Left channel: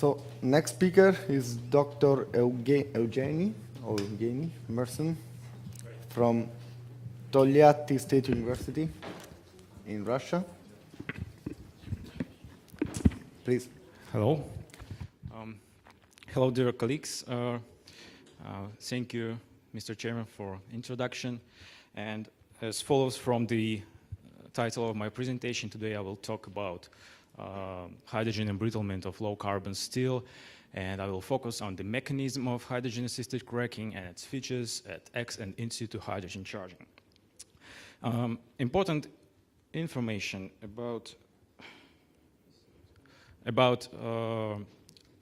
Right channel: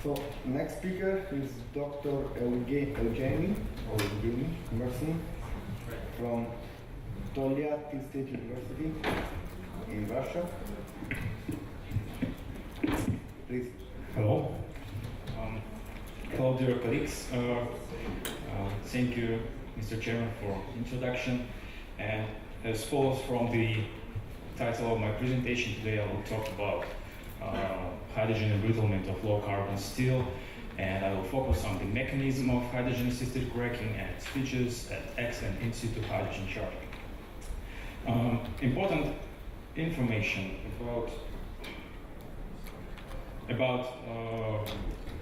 So next speaker is Dr. Eugeni Mersin from Tolyatti State University in Russia. Please. Hello. Hello, dear colleagues. Thank you, Mr. Chairman, for introduction. And as follows from the title of my presentation today, I will talk about hydrogen embrittlement of low-carbon steel, and I will focus on the mechanism of hydrogen-assisted cracking and its features at X and in situ hydrogen charging. Important information about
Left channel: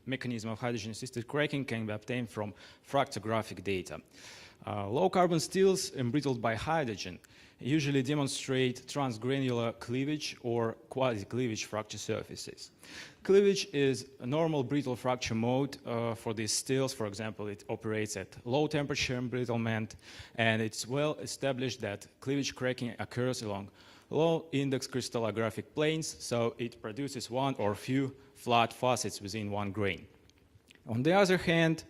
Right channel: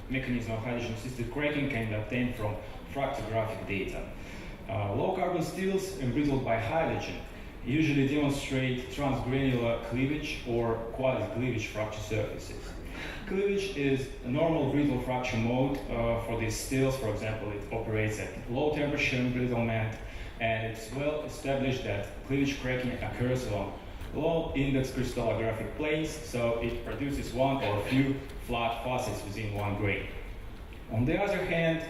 mechanism of hydrogen-assisted cracking can be obtained from fractographic data. Low-carbon steels embrittled by hydrogen usually demonstrate transgranular cleavage or quasi-cleavage fracture surfaces. Cleavage is a normal brittle fracture mode for these steels. For example, it operates at low temperature embrittlement, and it's well established that cleavage cracking occurs along low index crystallographic planes, so it produces one or few flat facets within one grain. On the other hand,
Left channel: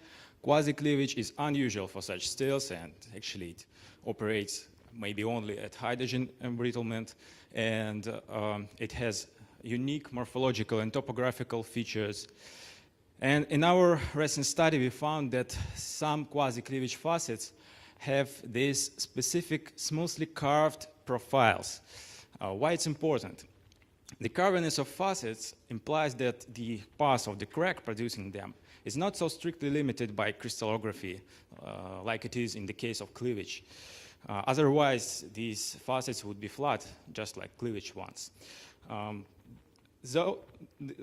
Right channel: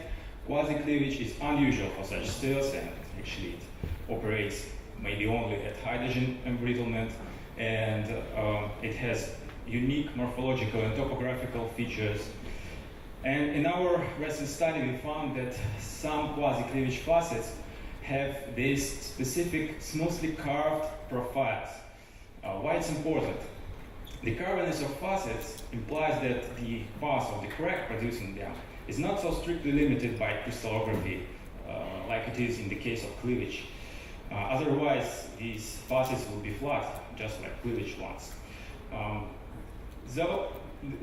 quasi-cleavage is unusual for such steels, and actually it operates maybe only at hydrogen embrittlement, and it has unique morphological and topographical features. And in our recent study, we found that some quasi-cleavage facets have these specific smoothly carved profiles. Why it's important? The carviness of facets implies that the path of the crack producing them is not so strictly limited by crystallography like it is in the case of cleavage. Otherwise, these facets will be flat, just like cleavage ones.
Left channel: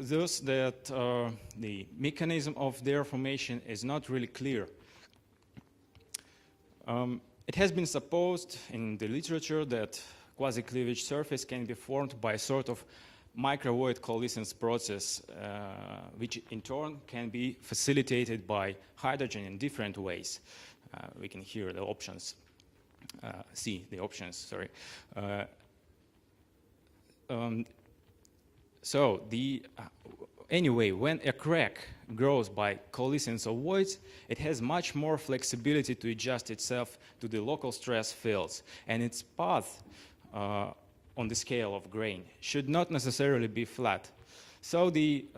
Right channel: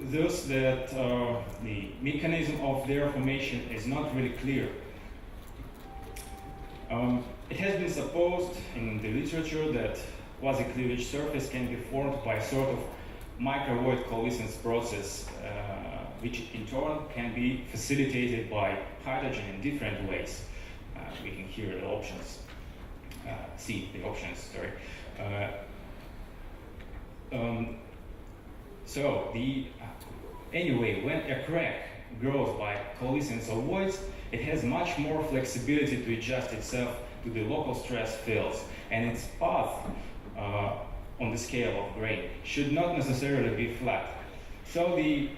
Thus that the mechanism of their formation is not really clear. It has been supposed in the literature that quasi-cleavage surface can be formed by a sort of microvoid coalescence process, which in turn can be facilitated by hydrogen in different ways. We can hear the options. Anyway, when a crack grows by coalescence of voids, it has much more flexibility to adjust itself to the local stress fields, and its path on the scale of grain should not necessarily be flat. So the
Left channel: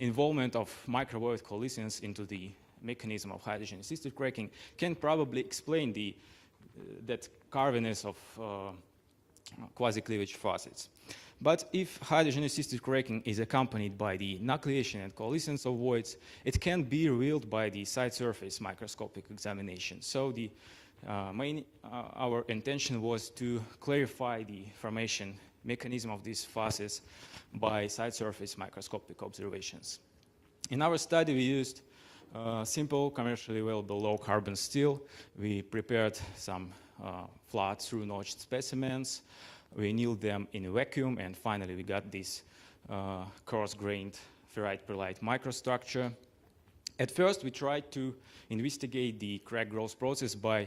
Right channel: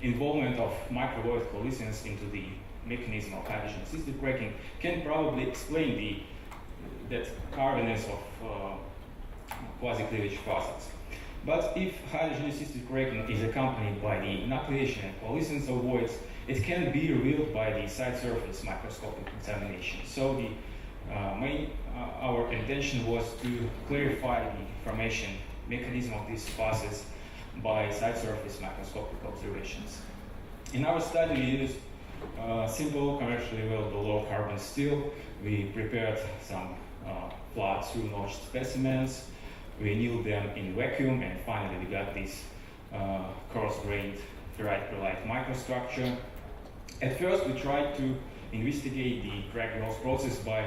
involvement of microvoid coalescence into the mechanism of hydrogen-assisted cracking can probably explain that carviness of quasi-cleavage facets. But if hydrogen-assisted cracking is accompanied by the nucleation and coalescence of voids, it can be revealed by the side surface microscopic examination. So our intention was to clarify the formation mechanism of these facets by side surface microscopic observations. In our study, we used simple, commercially available low-carbon steel. We prepared some flat through-notched specimens. We annealed them in a vacuum, and finally we got this coarse-grained ferrite-pearlite microstructure. At first, we tried to investigate the crack growth process by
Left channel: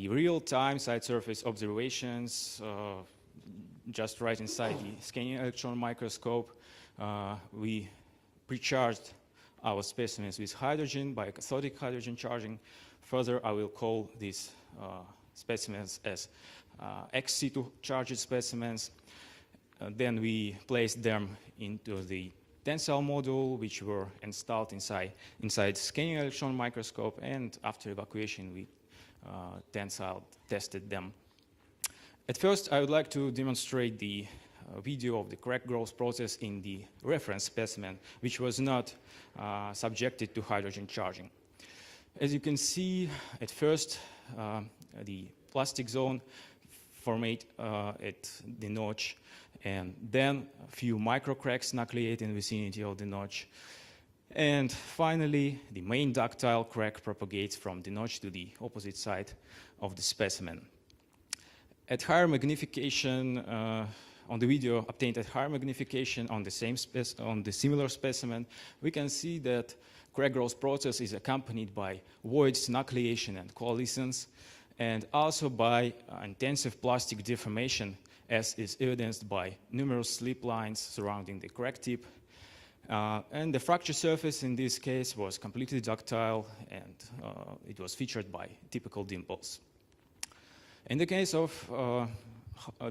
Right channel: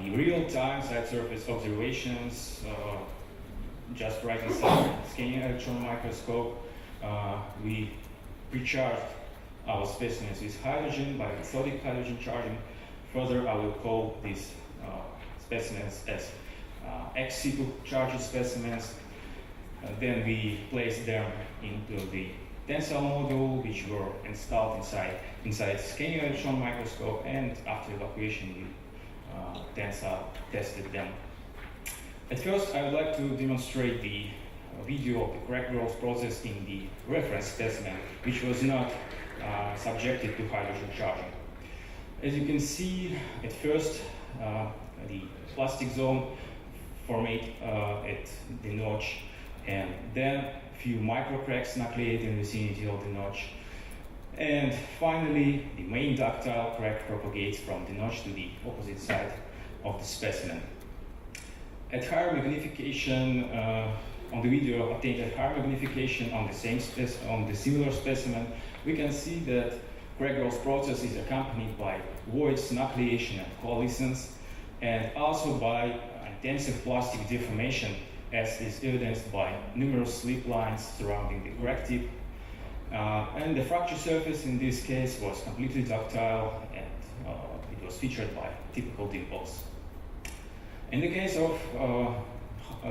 the real-time side surface observations, just right inside the scanning electron microscope. We recharged our specimens with hydrogen by cathodic hydrogen charging. Further, I will call these specimens as ex situ charged specimens. Then we placed them into the tensile module, which were installed inside scanning electron microscope, and after evacuation, we tensile tested them. At first, I would like to demonstrate the video of the crack growth process in the reference specimen, which was not subjected to hydrogen charging. As you can see, at first, the plastic zone formed at the notch, and then a few micro cracks nucleate in the vicinity of the notch. And finally, the main ductile crack propagates from the notch to the opposite side of the specimen. At higher magnification, on the video obtained at higher magnification on the similar specimen, we can see that crack growth process is accompanied by voids, nucleation, and coalescence, and also by intensive plastic deformation, as is evidenced by numerous slip lines surrounding the crack tip. And the fracture surface in this case was completely ductile, and it was featured by typical dimples. In the case of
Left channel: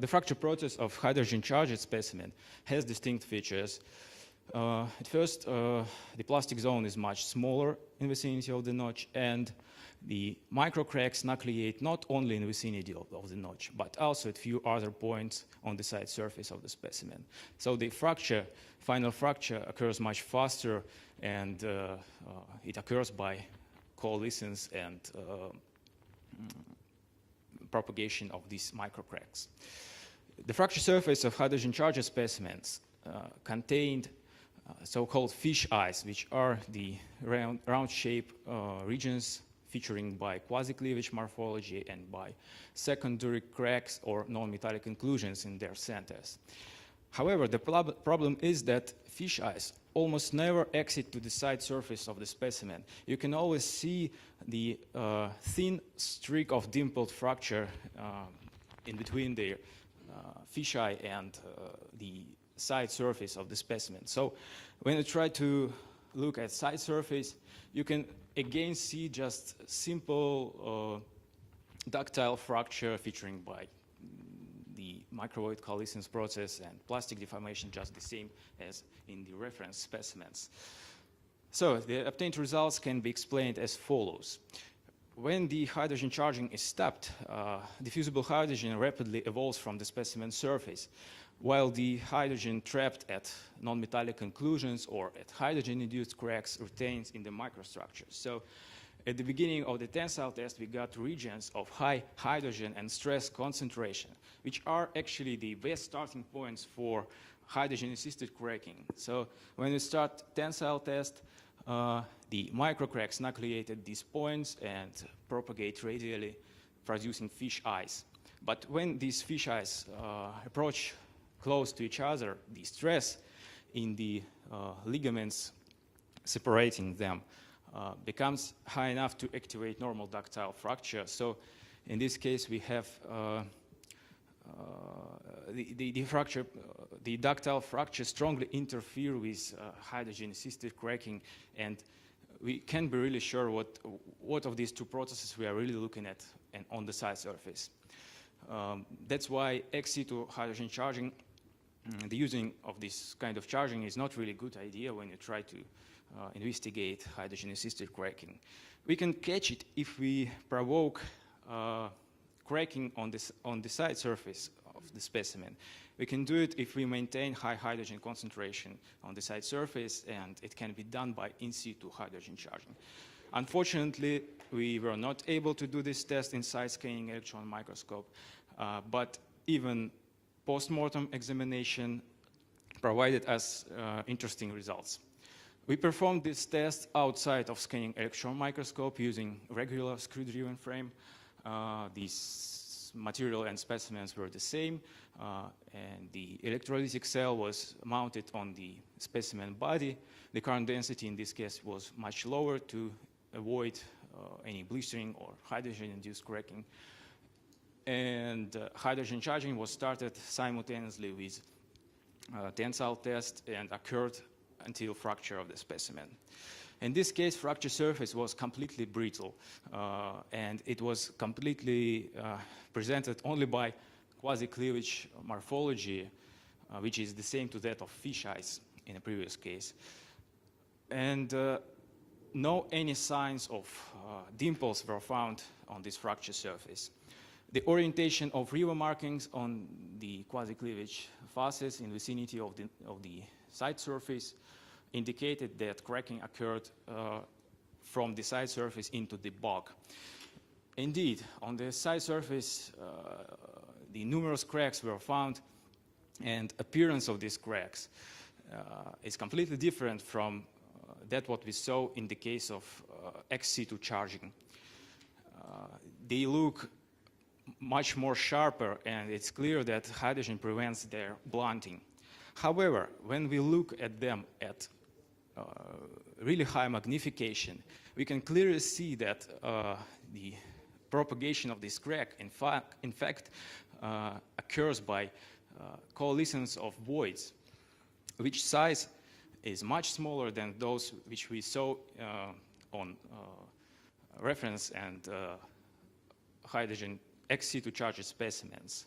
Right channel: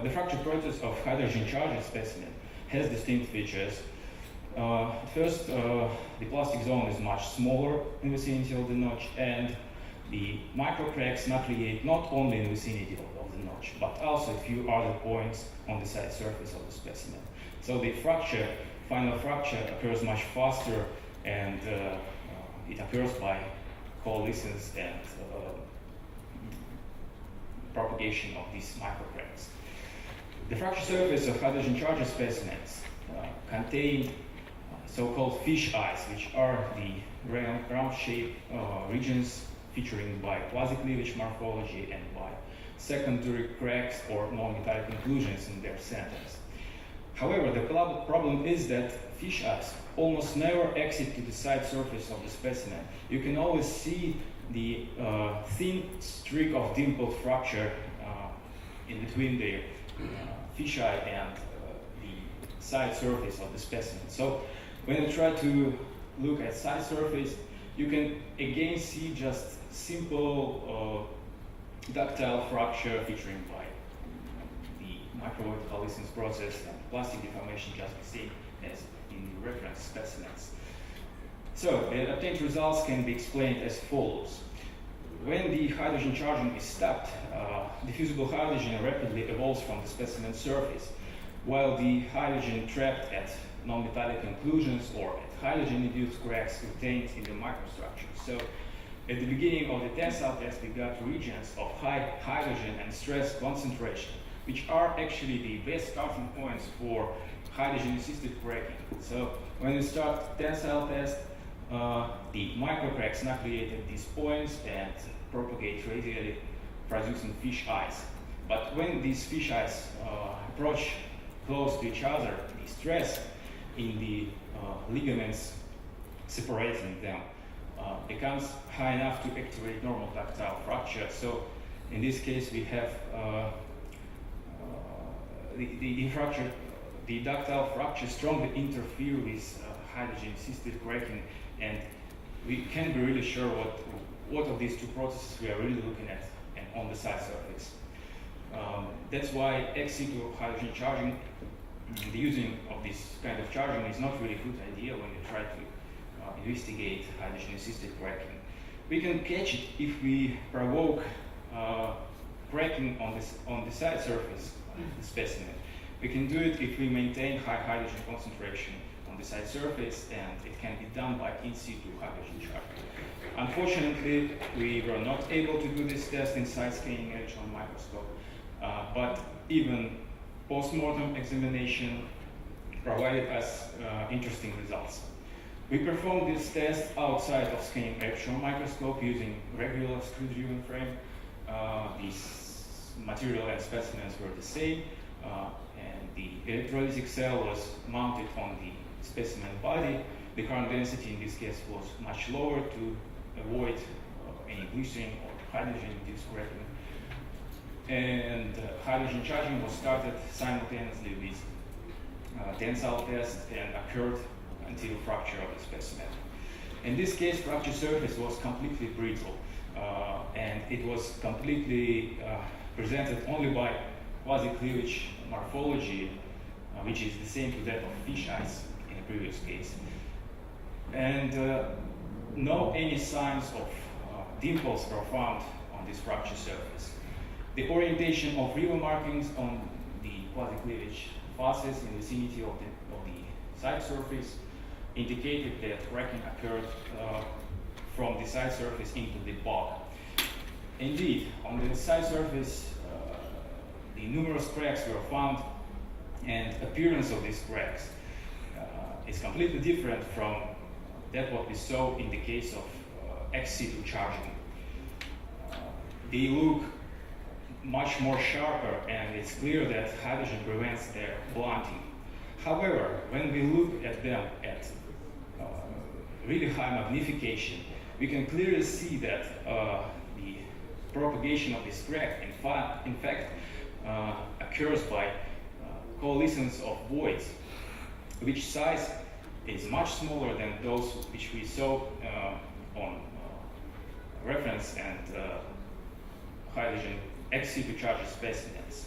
the fracture process of hydrogen charged specimen has distinct features. At first, the plastic zone is much smaller in the vicinity of the notch, and the micro cracks nucleate not only in the vicinity of the notch, but also at few other points on the side surface of the specimen. So the final fracture occurs much faster, and it occurs by coalescence and propagation of these microcracks. The fracture surface of hydrogen charged specimens contain so-called fish eyes, which are the round-shaped regions featuring by quasi-cleavage morphology and by secondary cracks or non-metallic inclusions in their centers. However, the problem is that fish eyes almost never exit to the side surface of the specimen. You can always see the thin streak of dimpled fracture in between the fisheye and the side surface of the specimen. So when you try to look at side surface, you can again see just simple ductile fracture featuring by the microwave coalescence process and plastic deformation, just the same as in the reference specimens. So the obtained results can be explained as follows. When the hydrogen charging is stopped, diffusible hydrogen rapidly evolves from the specimen surface, while the hydrogen trapped at non-metallic inclusions or at hydrogen-induced cracks retains in the microstructure. So at the beginning of the tensile test, we got regions of high hydrogen and stress concentration, which are actually the best starting points for hydrogen-assisted cracking. So when we start tensile test, the microcracks nucleate at these points and propagate radially, producing fish eyes. But when these fish eyes approach close to each other, the stress in the ligaments separating them becomes high enough to activate normal ductile fracture. So in this case, we have the ductile fracture strongly interfere with hydrogen-assisted cracking, and we can't be really sure what of these two processes we are really looking at and on the side surface. That's why ex situ hydrogen charging, the using of this kind of charging is not really a good idea when you try to investigate hydrogen-assisted cracking. We can catch it if we provoke cracking on the side surface of the specimen. We can do it if we maintain high hydrogen concentration on the side surface, and it can be done by in situ hydrogen charging. Unfortunately, we were not able to do this test inside scanning electron microscope, but even post-mortem examination provided us interesting results. We performed this test outside of scanning electron microscope using regular screw-driven frame. These material and specimens were the same, and the electrolytic cell was mounted on the specimen body. The current density in this case was much lower to avoid any blistering or hydrogen-induced cracking. And hydrogen charging was started simultaneously with tensile test and occurred until fracture of the specimen. In this case, fracture surface was completely brittle, and it was completely presented only by quasi-cleavage morphology, which is the same to that of fish eyes in the previous case. And no any signs of dimples were found on this fracture surface. The orientation of river markings on the quasi-cleavage faces in the vicinity of the side surface indicated that cracking occurred from the side surface into the bog. Indeed, on the side surface, the numerous cracks were found, and appearance of these cracks is completely different from that what we saw in the case of ex situ charging. They look much more sharper, and it's clear that hydrogen prevents their blunting. However, when we look at them at really high magnification, we can clearly see that the propagation of this crack, in fact, occurs by coalescence of voids, which size is much smaller than those which we saw on reference and hydrogen ex situ charged specimens.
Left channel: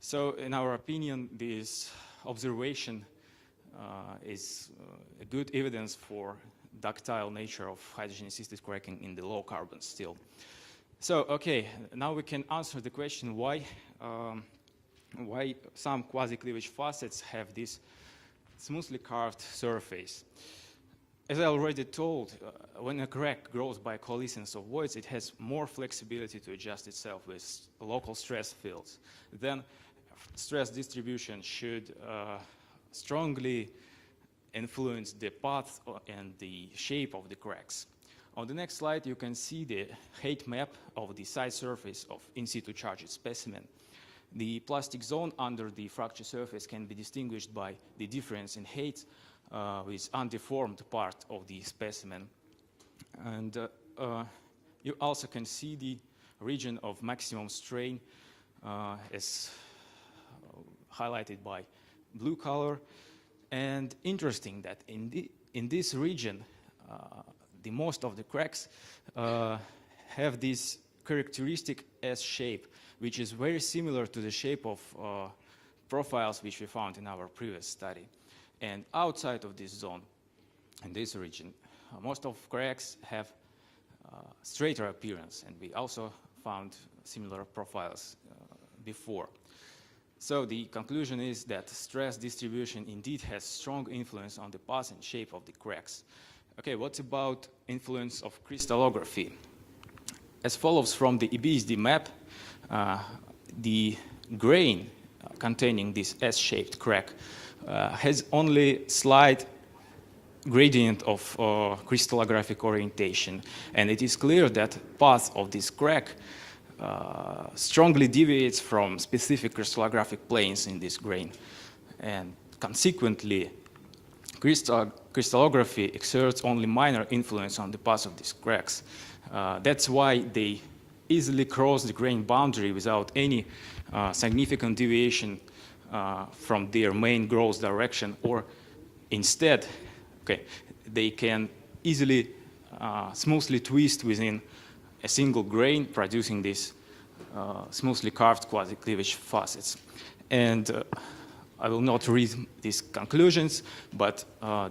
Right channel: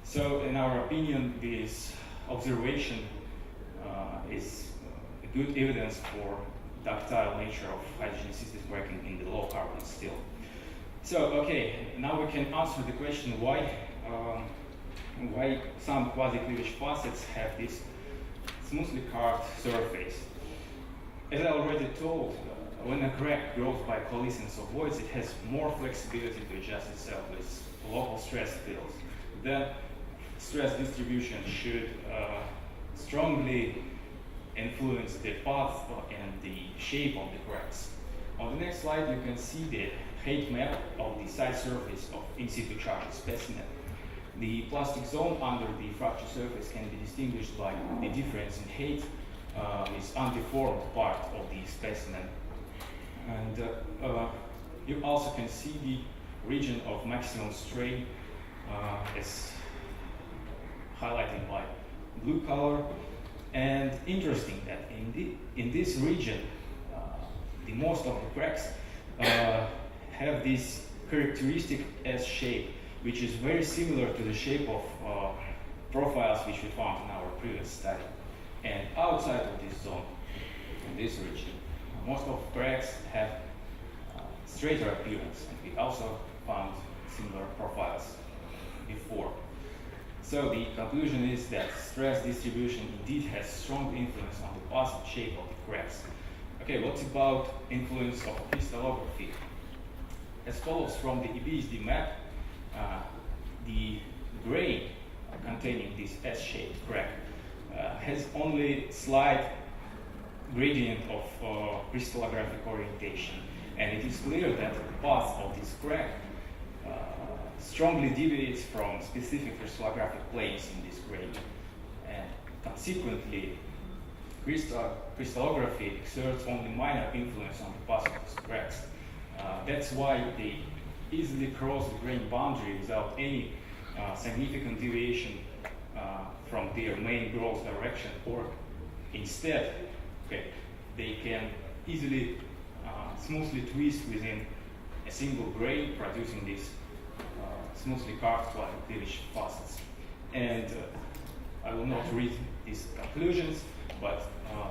So in our opinion, this observation is good evidence for ductile nature of hydrogen-assisted cracking in the low carbon steel. So, okay, now we can answer the question why some quasi-cleavage facets have this smoothly carved surface. As I already told, when a crack grows by coalescence of voids, it has more flexibility to adjust itself with local stress fields. Then stress distribution should strongly influence the path and the shape of the cracks. On the next slide, you can see the height map of the side surface of in situ charged specimen. The plastic zone under the fracture surface can be distinguished by the difference in height with undeformed part of the specimen. And you also can see the region of maximum strain as highlighted by blue color. And interesting that in this region, the most of the cracks have this characteristic S shape, which is very similar to the shape of profiles which we found in our previous study. And outside of this zone, in this region, most of cracks have straighter appearance, and we also found similar profiles before. So the conclusion is that stress distribution indeed has strong influence on the path and shape of the cracks. Okay, what about influence of crystallography? As follows from the EBSD map, the grain containing this S-shaped crack has only slight gradient of crystallographic orientation, and it is clear that path of this crack strongly deviates from specific crystallographic planes in this grain, and consequently crystallography exerts only minor influence on the path of these cracks. That's why they easily cross the grain boundary without any significant deviation from their main growth direction, or instead, they can easily smoothly twist within a single grain, producing these smoothly carved quasi-cleavage facets. And I will not read these conclusions, but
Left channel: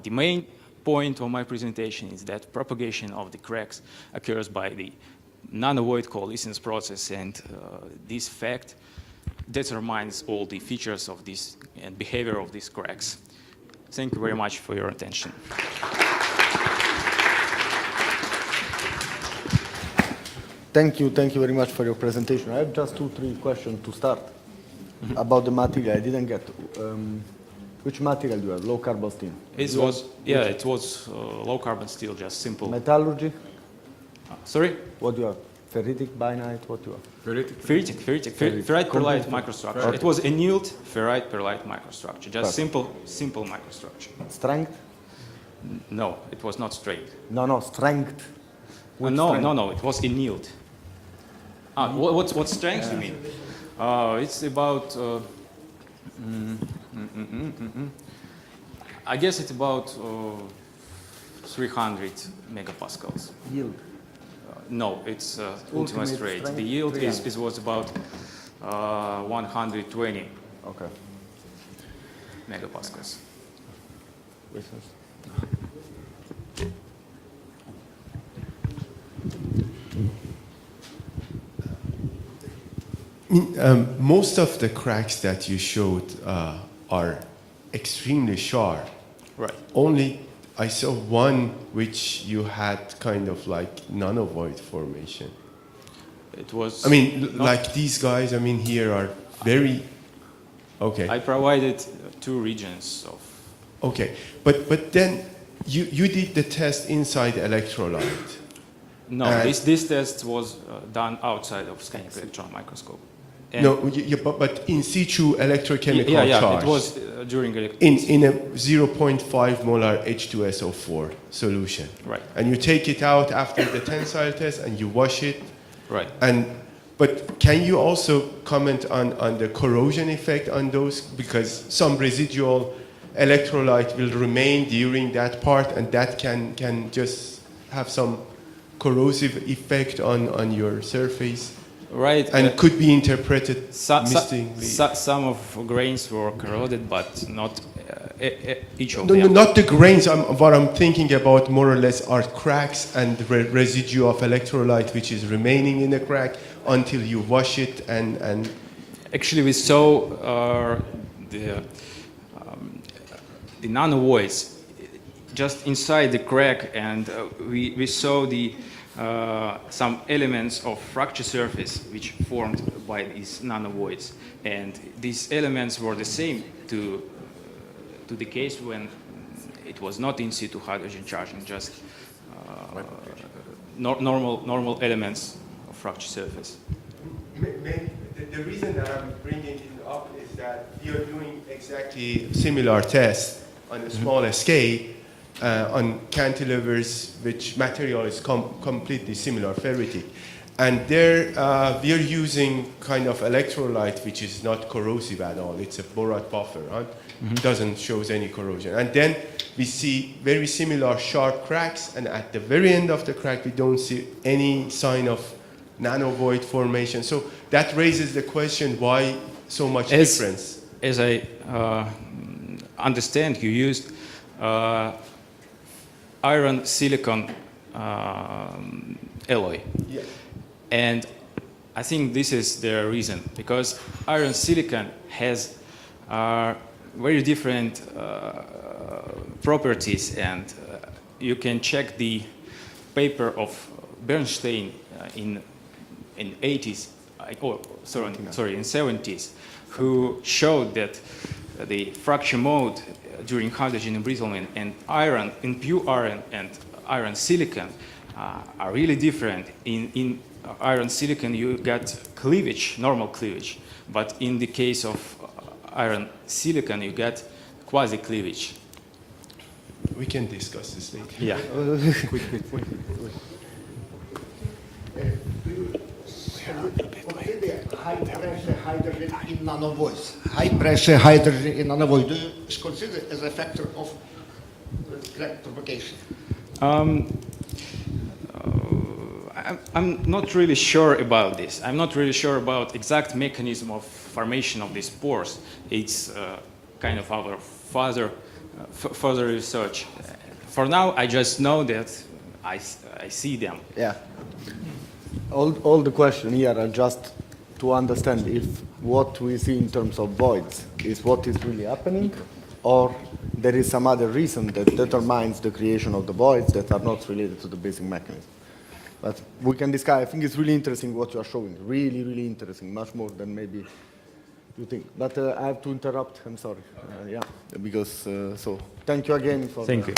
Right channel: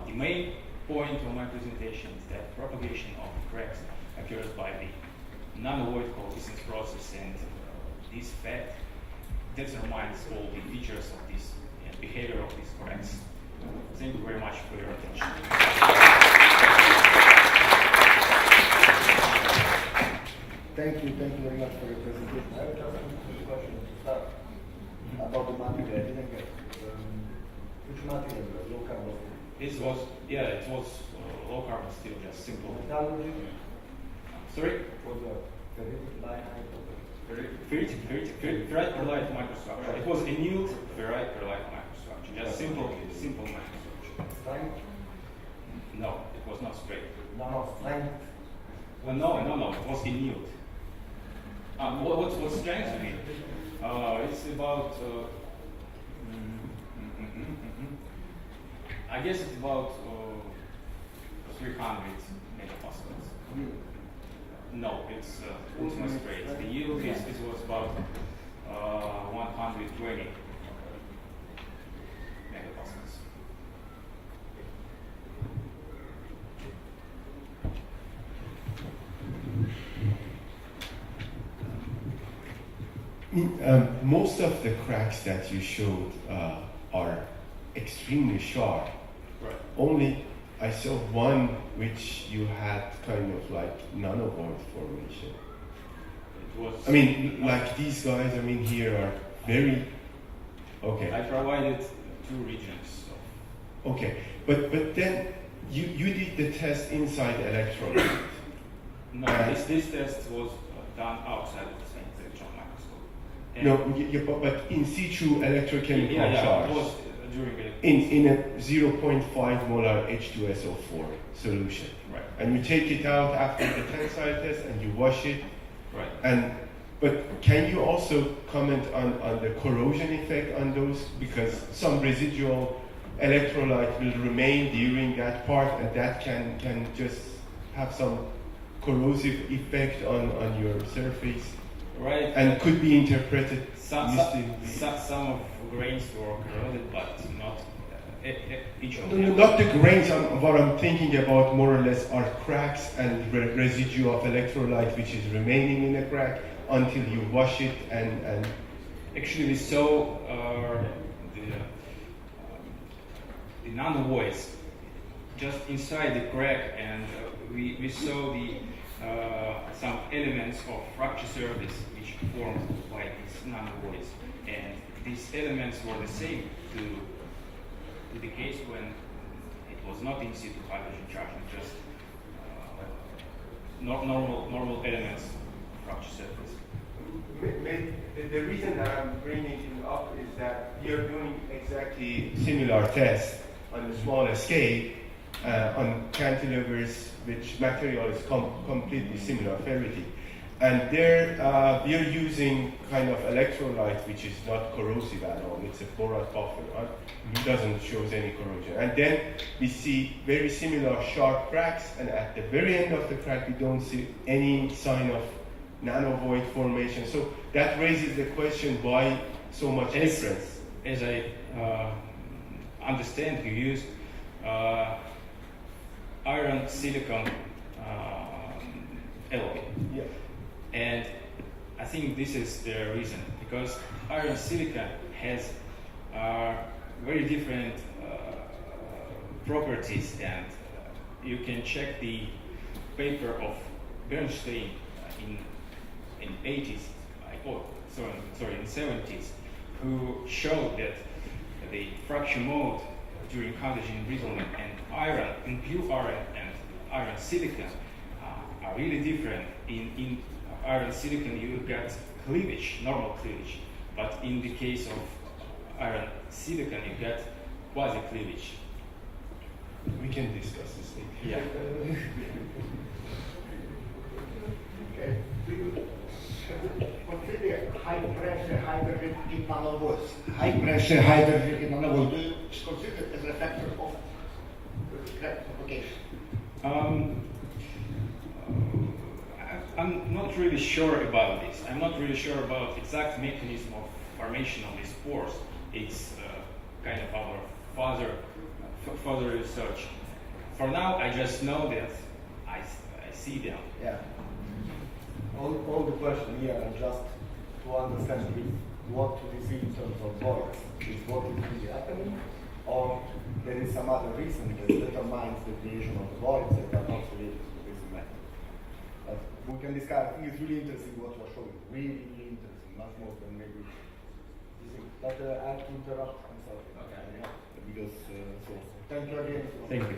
the main point of my presentation is that propagation of the cracks occurs by the nanovoid coalescence process, and this fact determines all the features of this and behavior of these cracks. Thank you very much for your attention. Thank you very much for your presentation. I have just 2-3 questions to start about the material. I didn't get which material you have? Low carbon steel. It was low carbon steel, just simple. Metallurgy. Sorry? What do you have? Ferritic, bainite. What do you have? Ferrite perlite microstructure. Right. It was annealed ferrite perlite microstructure. Just simple microstructure. Strength? No, it was not straight. No, strength. No, it was annealed. What strength you mean? It's about. I guess it's about 300 megapascals. Yield? No, it's ultimate straight. The yield was about 120 megapascals. Most of the cracks that you showed are extremely sharp. Right. Only I saw one which you had kind of like nanovoid formation. It was. I mean, like these guys. I mean, here are very. Okay. I provided 2 regions of. Okay, but then you did the test inside electrolyte. No, this test was done outside of scanning electron microscope. And No, but in situ electrochemical charge. It was during in a 0.5 molar H2SO4 solution. Right. And you take it out after the tensile test and you wash it. Right. But can you also comment on the corrosion effect on those? Because some residual electrolyte will remain during that part, and that can just have some corrosive effect on your surface, Right. and could be interpreted mistakenly. Some of grains were corroded, but not each of No, them. not the grains. What I'm thinking about more or less are cracks and residue of electrolyte which is remaining in the crack until you wash it and Actually, we saw the nanovoids just inside the crack, and we saw some elements of fracture surface which formed by these nanovoids, and these elements were the same to the case when it was not in situ hydrogen charging, just normal elements of fracture surface. The reason that I'm bringing it up is that you're doing exactly similar tests on a smaller scale on cantilevers, which material is completely similar, ferrite. And there we are using kind of electrolyte which is not corrosive at all. It's a borate buffer, right? Doesn't show any corrosion. And then we see very similar sharp cracks, and at the very end of the crack we don't see any sign of nanovoid formation. So that raises the question, why so much difference? As I understand, you used iron silicon alloy. Yeah. And I think this is the reason, because iron silicon has very different properties, and you can check the paper of Bernstein in 80s, in 70s, who showed that the fracture mode during hydrogen embrittlement and iron, in pure iron and iron silicon, are really different. In iron silicon you got cleavage, normal cleavage, but in the case of iron silicon you got quasi cleavage. We can discuss this later. Yeah. High pressure hydrogen in nanovoids. High pressure hydrogen in nanovoid is considered as a factor of crack propagation. I'm not really sure about this. I'm not really sure about exact mechanism of formation of these pores. It's kind of our further research. For now, I just know that I see them. Yeah. All the question here are just to understand if what we see in terms of voids is what is really happening, or there is some other reason that determines the creation of the voids that are not related to the basic mechanism. But we can discuss. I think it's really interesting what you are showing. Really, really interesting. Much more than maybe you think. But I have to interrupt. I'm sorry. Yeah, because so thank you again for. Thank you.